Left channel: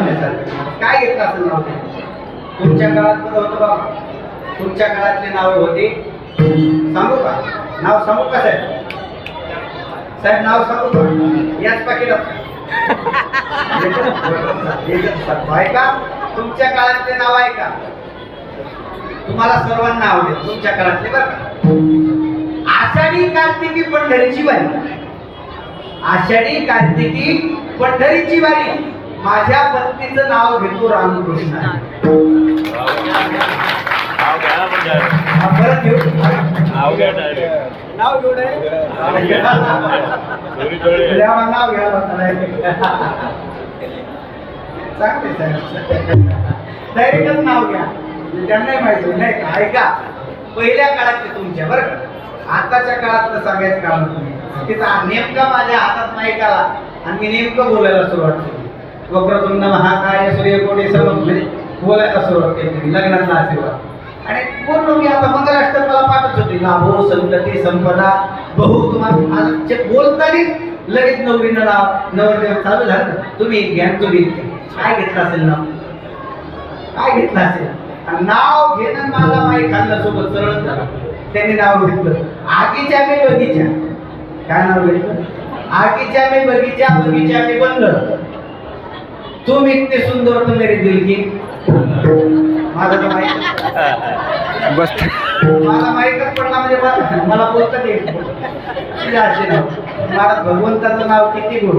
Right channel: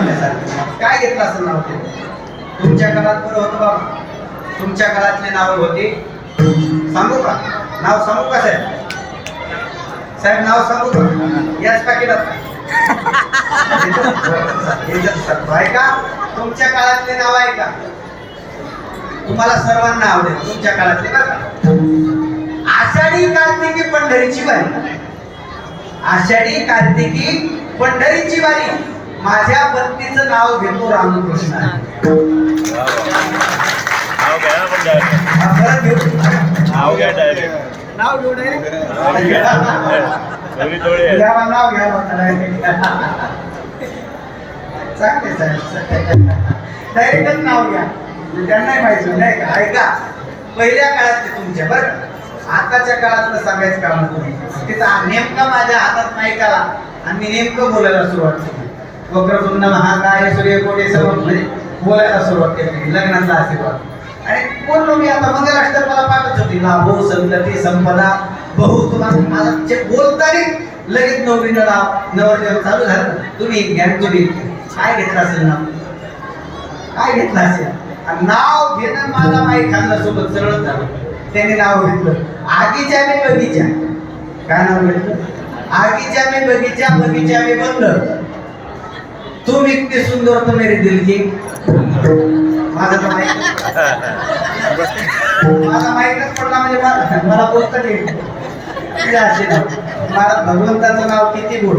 सांगण्यासारखं काय घेतलं असं नाव ते तुमच्या काळात बरं होतं बाबा. तुमच्या काळातले नाव होते सांगू का? नाव सांगू का साहेब? साहेब नाव सांगू का? याच पॅकेटात आहे का? तुमच्या काळातले नाव आहे का? तुम्हाला सर्वांना आवडेल तुमच्या काळातले बरं का? आषाढी कार्तिकी पंढरीची वारी. आषाढी कार्तिकी पंढरीची वारी. माझ्या पत्नीचं नाव घेतो रामकृष्ण. परत घेऊ नाव घ्या डायरेक्ट. नाव घेऊ डायरेक्ट. नाव घ्या चांगले साहेब. डायरेक्टच नाव घ्या. त्यांनाही माहिती नाही का? ऐका पहिल्या काळातले तुमच्या बरं का? आताच्या काळातलं सांगायचं काम तुम्ही तिचा नेमका माझ्या हातात नाही का आणि मी नेमकं बोलायला सुरुवात केली. वक्रतुंड महाकाय सूर्यकोटी समप्रभ बोलायला सुरुवात केली. लग्नातला आशीर्वाद आणि बोललो मी. आता मंगलाष्टकाला पाठच होती. लाभो संतती संपदा बहु. तुम्हाला बोलताना लगेच नवरीनं नाव नवरदेव चालू झालं. तुम्ही ज्ञान तुम्ही काय घेतलं असेल नाव? काय घेतलं असेल? नाव घेणं मला माहीत खाल्लं सोबत सरळ झालं. त्यांनी नाव घेतलं आगीच्या मी बगीचा. काय नाव घेतलं? आगीच्या मी बगीचा बगीचा मी बंद. तू इतनी सुंदर तो मेरी दिल की. माझं तर मला माहीतच पडला म्हणजे मला बोलता येईल. मला भगवंताचं नाव किती गोड.